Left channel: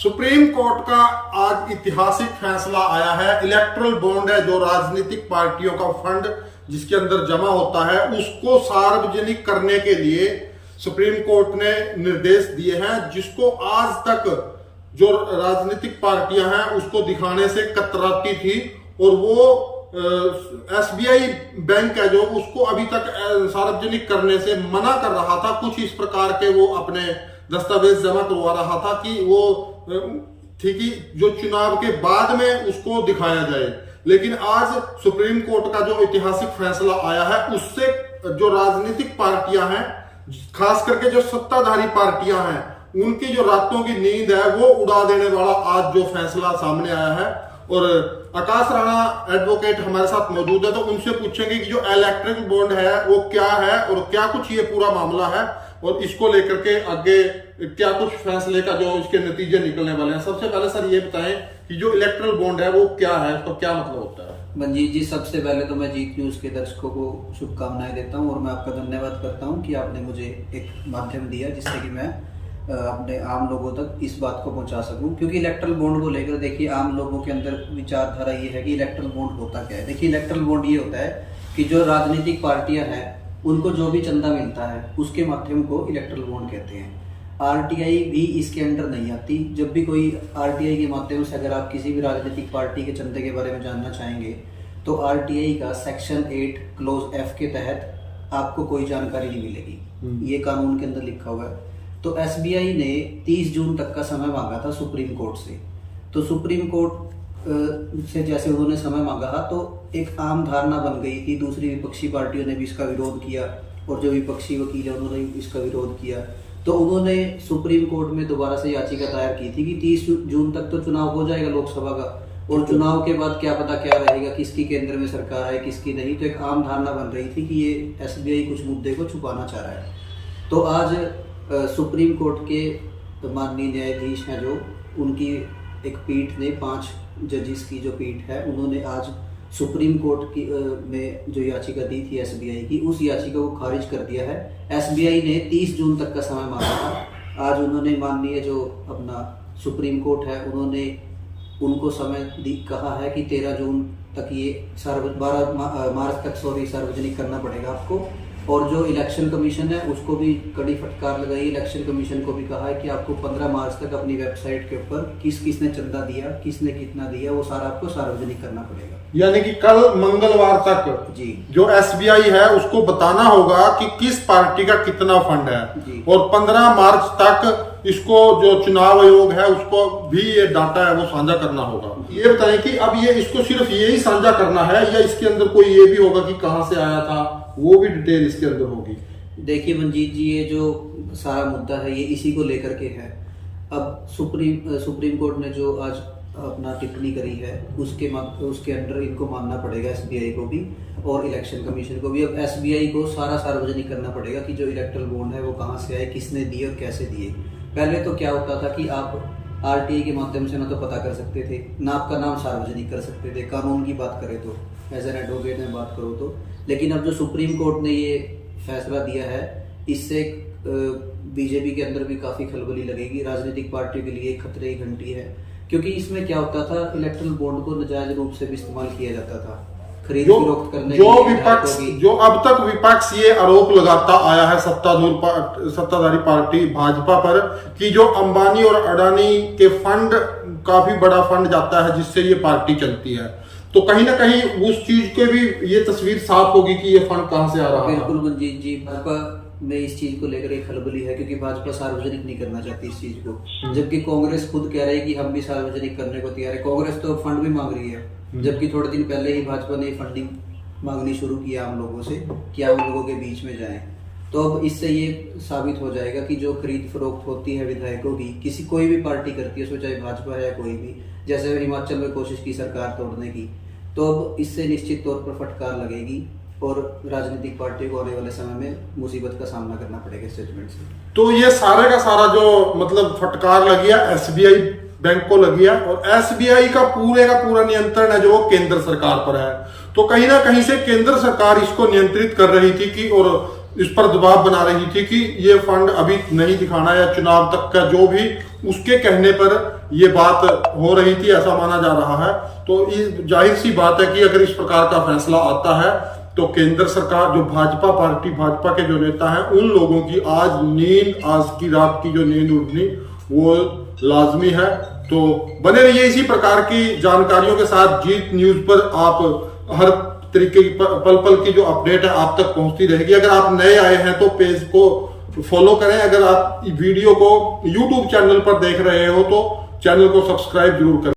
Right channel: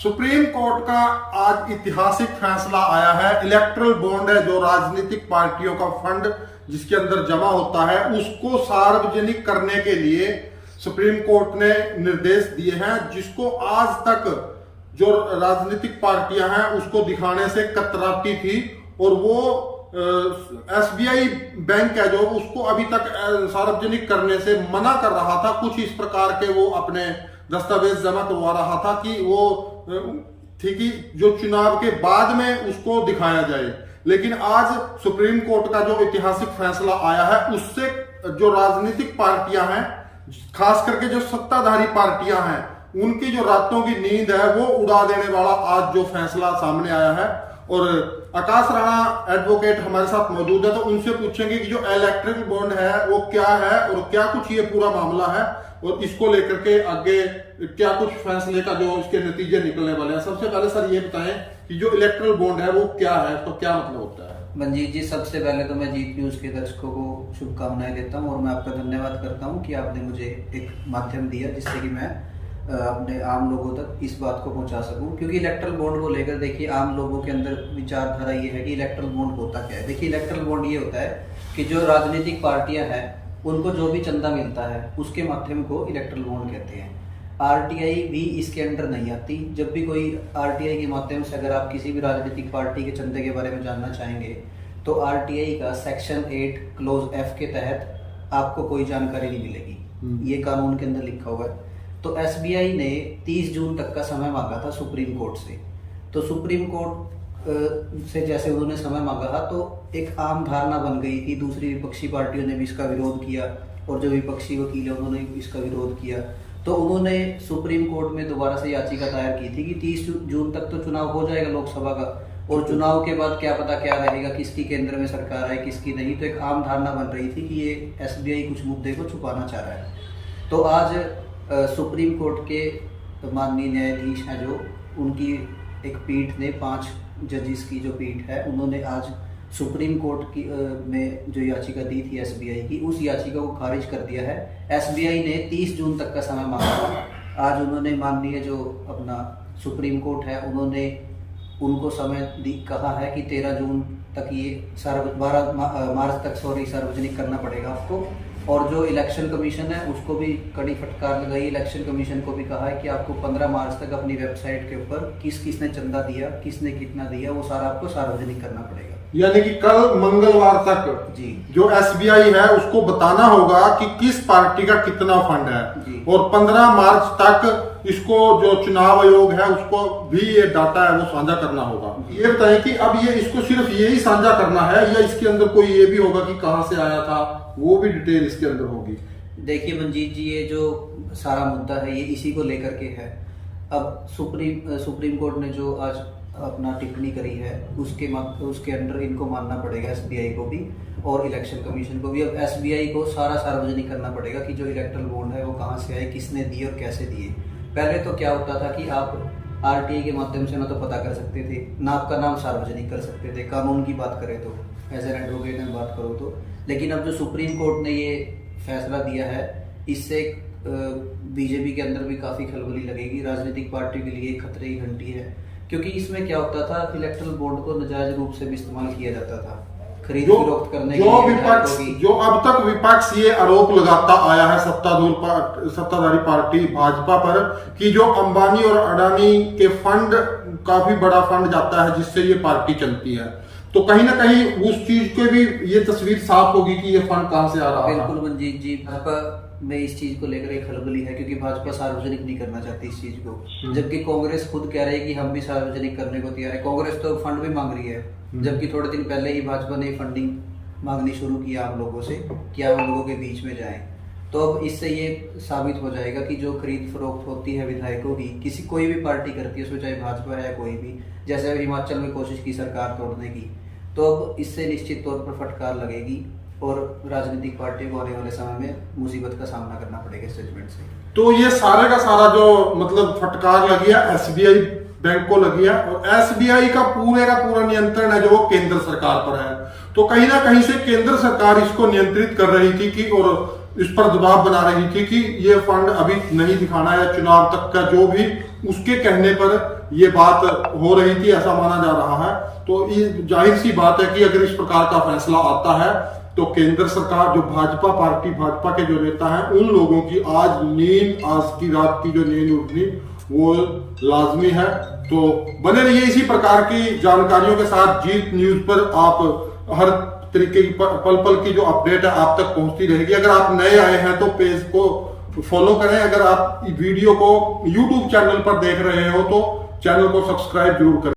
Supreme court का आज ऐतिहासिक फैसला आया है। इलेक्ट्रल बॉन्ड है जो राजनीतिक पार्टियों का फंड जिसके अंदर जमा होता है उसको सार्वजनिक करने के लिए सुप्रीम कोर्ट ने निर्देश दिए हैं, जिसको आज तक जो राजनीतिक पार्टियां हैं उसको दिखाने से कतराती थी। और वो एसबीआई बैंक है जो उसको अभी तक सार्वजनिक करने से मना कर रहा था। कुछ इस प्रकार के वो अपने दस्तावेज जमा करवा रहा था कि वो थी कि जो चुनाव के बाद में उसको दिखाया जाए। लेकिन आज सुप्रीम कोर्ट का जो ऐतिहासिक फैसला आया है उससे जो राजनीतिक पार्टियां हैं, खास करके जो सत्ताधारी पार्टियां हैं, उनकी जो रातों की नींद है वो उड़ा देने वाला आज जो फैसला सामने आया है। और आकाश राणा एडवोकेट हमारे साथ मौजूद है, तो उनसे पूछेंगे कि जो इलेक्ट्रिक बॉन्ड है वो क्या है और क्या कुछ ये पूरा मामला है और इसको लेकर के आगे क्या कुछ फैसले का जो इसके नतीजे निकलने वाले हैं। सबसे पहले सर ये बताएं कि जो इलेक्ट्रल बॉन्ड है वो क्या है, तो क्या मतलब होता है। मंजीत जी, सबसे पहले तो मैं जीत न्यूज के दर्शकों को शुभकामनाएं देता हूं और मैं आपका धन्यवाद करता हूं कि आपने मुझे एक माध्यम दिया जिससे कि मैं अपने आम लोगों तक इस बात को पहुंचा सकूं। क्योंकि इलेक्ट्रल बॉन्ड को लेकर देखिए आम लोगों के अंदर विचारधारा ये है कि इलेक्ट्रल बॉन्ड होता क्या है। देखिए इलेक्ट्रल बॉन्ड ये होता है कि जो राजनीतिक पार्टियां हैं उनको जो भी चंदा मिलता है उसके माध्यम को इलेक्ट्रल बॉन्ड कहते हैं। आरटीआई भी इसके अंडर नहीं आती। जब भी कोई आरटीआई के माध्यम से अगर आप किसी भी राजनीतिक पार्टी के चंदे के बारे में जानना चाहेंगे तो आरटीआई का सेक्शन 8 क्लोज एफ के तहत आपको कोई जानकारी नहीं मिलेगी। ये कानून के अंदर लिखा हुआ है। तो एसबीआई ने 30 जून तक का समय मांगा था सुप्रीम कोर्ट से। तो सुप्रीम कोर्ट से जैसे उन्होंने समय मांगा था तो एक आम धारणा बन गई थी। दूसरी विपक्षी पार्टियों ने भी इसका विरोध किया और जो विपक्षी वकील है उन्होंने इसका विरोध किया। तो उन्होंने सुप्रीम कोर्ट में दोबारा से याचिका दायर की थी कि 30 जून तक तो चुनाव हो जाएगा लोकसभा का, और चुनाव के बाद क्या पता क्या रहेगा, किसकी केंद्र में सरकार है किसकी नहीं। तो एक आम धारणा बन रही थी कि ये एसबीआई कुछ मुद्दे को छुपाना चाह रहा है। तो आज सुप्रीम कोर्ट के माननीय न्यायाधीश हैं जो उनकी एक पीठ ने 5 जजेस की जो पीठ है उन्होंने आज सुप्रीम कोर्ट की में जो याचिका दी थी एसबीआई की, उस याचिका को खारिज कर दिया है। एसबीआई ने 30 जून तक का समय मांगा था। आज उन्होंने माननीय जो अपना सुप्रीम कोर्ट है उन्होंने उनको समय कहा है कि 13 जून तक ये 12 मार्च तक सार्वजनिक करना पड़ेगा आपको। और जो इलेक्शन कमीशन है उसको भी कड़ी फटकार लगाई। इलेक्शन कमीशन को भी कहा है कि आपको 15 मार्च तक अपनी वेबसाइट के ऊपर किसने चंदा दिया, किसने कितना दिया, वो सारा आपको सार्वजनिक करना पड़ेगा। यानी कि कल मंगलवार तक जी जो एसबीआई है उसको बताना होगा कि किस पार्टी का कितना फंड है, और 15 मार्च तक इसको जो चुनाव आयोग है उसको भी ये डाटा है वो साझा करना होगा। ये बताएं कि अब ये इसको सिर्फ यही साझा करना है या इसके अंदर कोई ये भी होगा कि कहां से आया था, वो भी डिटेल इसके अंदर होगी। देखिए मंजीत जी, ये जो सारा मुद्दा है ये इसी को लेकर के है। अब सुप्रीम कोर्ट ने जो आज अपना टिप्पणी करी है उसके अंडर इनको मानना पड़ेगा, एसबीआई को भी और इलेक्शन कमीशन को भी। अब एसबीआई को सारा सार्वजनिक करना पड़ेगा कि जो इलेक्ट्रल बॉन्ड है वो कहाँ से आए, किसने दिए और कैसे दिए। पहले तो क्या होता था कि आप आरटीआई के माध्यम से ना तो पता कर सकते थे, ना आपका नाम सार्वजनिक कर सकते थे, कानून की बात करें तो, एज एन एडवोकेट में बात करो तो। लेकिन अब जो सुप्रीम कोर्ट ने ये फैसला दिया है इससे बीजेपी के अंदर भी काफी खलबली लगेगी। राजनीतिक पार्टी के लिए खतरे की घंटी है, क्योंकि इसमें क्या होता था, इलेक्ट्रल बॉन्ड को नाजायज रूप से भी इस्तेमाल किया जाता था खरीद फरोख्त करने के लिए। जो अब तक विपक्ष ये आरोप लगाता आया है सत्ताधारी पार्टी भाजपा पर कि जो अंबानी और अडानी के फंड, काफी बड़ा फंड जाता है जिससे ये पार्टी चलती है, तो कहीं ना कहीं उस चीज के भी ये तस्वीर साफ होगी कि ये फंड कहां से आ रहा है। बिल्कुल मंजीत जी, भाजपा में इस चीज को लेकर एक खलबली है क्योंकि भाजपा सार्वजनिक नहीं करना चाहती इस चीज को, जबकि कांग्रेस खुद कह रही है कि हम भी सार्वजनिक करने को तैयार है। कांग्रेस तो फंड भी मांग रही है, जबकि थोड़े दिन पहले ही भाजपा ने फंडिंग मांगनी शुरू किया हम लोगों से कि हम लोगों के बीच में जाएं। तो अब इससे ये साबित हो जाएगा कि जो खरीद फरोख्त होती है विधायकों की, किसी कोई भी पार्टी करती है उसमें, चाहे भाजपा है या कोई भी, जैसे हिमाचल में कोशिश की सरकार तोड़ने की, तो अब इससे निश्चित तौर पर फटकार लगेगी और राजनीतिक पार्टियों को आने वाले समय में मुसीबत का सामना करना पड़ेगा इस जजमेंट से। तो ये सारे का सारा जो मतलब फटकार लगी है एसबीआई बैंक को लगी है, और एसबीआई का पूरा नियंत्रण है जो केंद्र सरकार पर है। तो कहीं ना कहीं से केंद्र सरकार इसको नियंत्रित कर रही थी कि, और इस पर दबाव बना रही थी कि ये फंड अभी नहीं दिखाना या चुनाव तक का, जो भी उसके कहने पर ये बात हो रही थी, ऐसा माना जा रहा है। तो ये जाहिर सी बात है कि अगर इस प्रकार का फैसला आता है तो केंद्र सरकार, जो भाजपा पार्टी, भाजपा के जो नेता हैं, उन लोगों की आज की रात की जो नींद उठनी वो लाजमी है। तो बने रहिए इसी प्रकार की जानकारियों के साथ। जीत न्यूज पर आप हर तरीके की पल पल की जो अपडेट है आप तक पहुंचती रहेगी। अगर आप नए आए हैं तो पेज को फॉलो करें। अगर आप वीडियो को यूट्यूब चैनल पर देख रहे हो तो चैनल को सब्सक्राइब जरूर करें।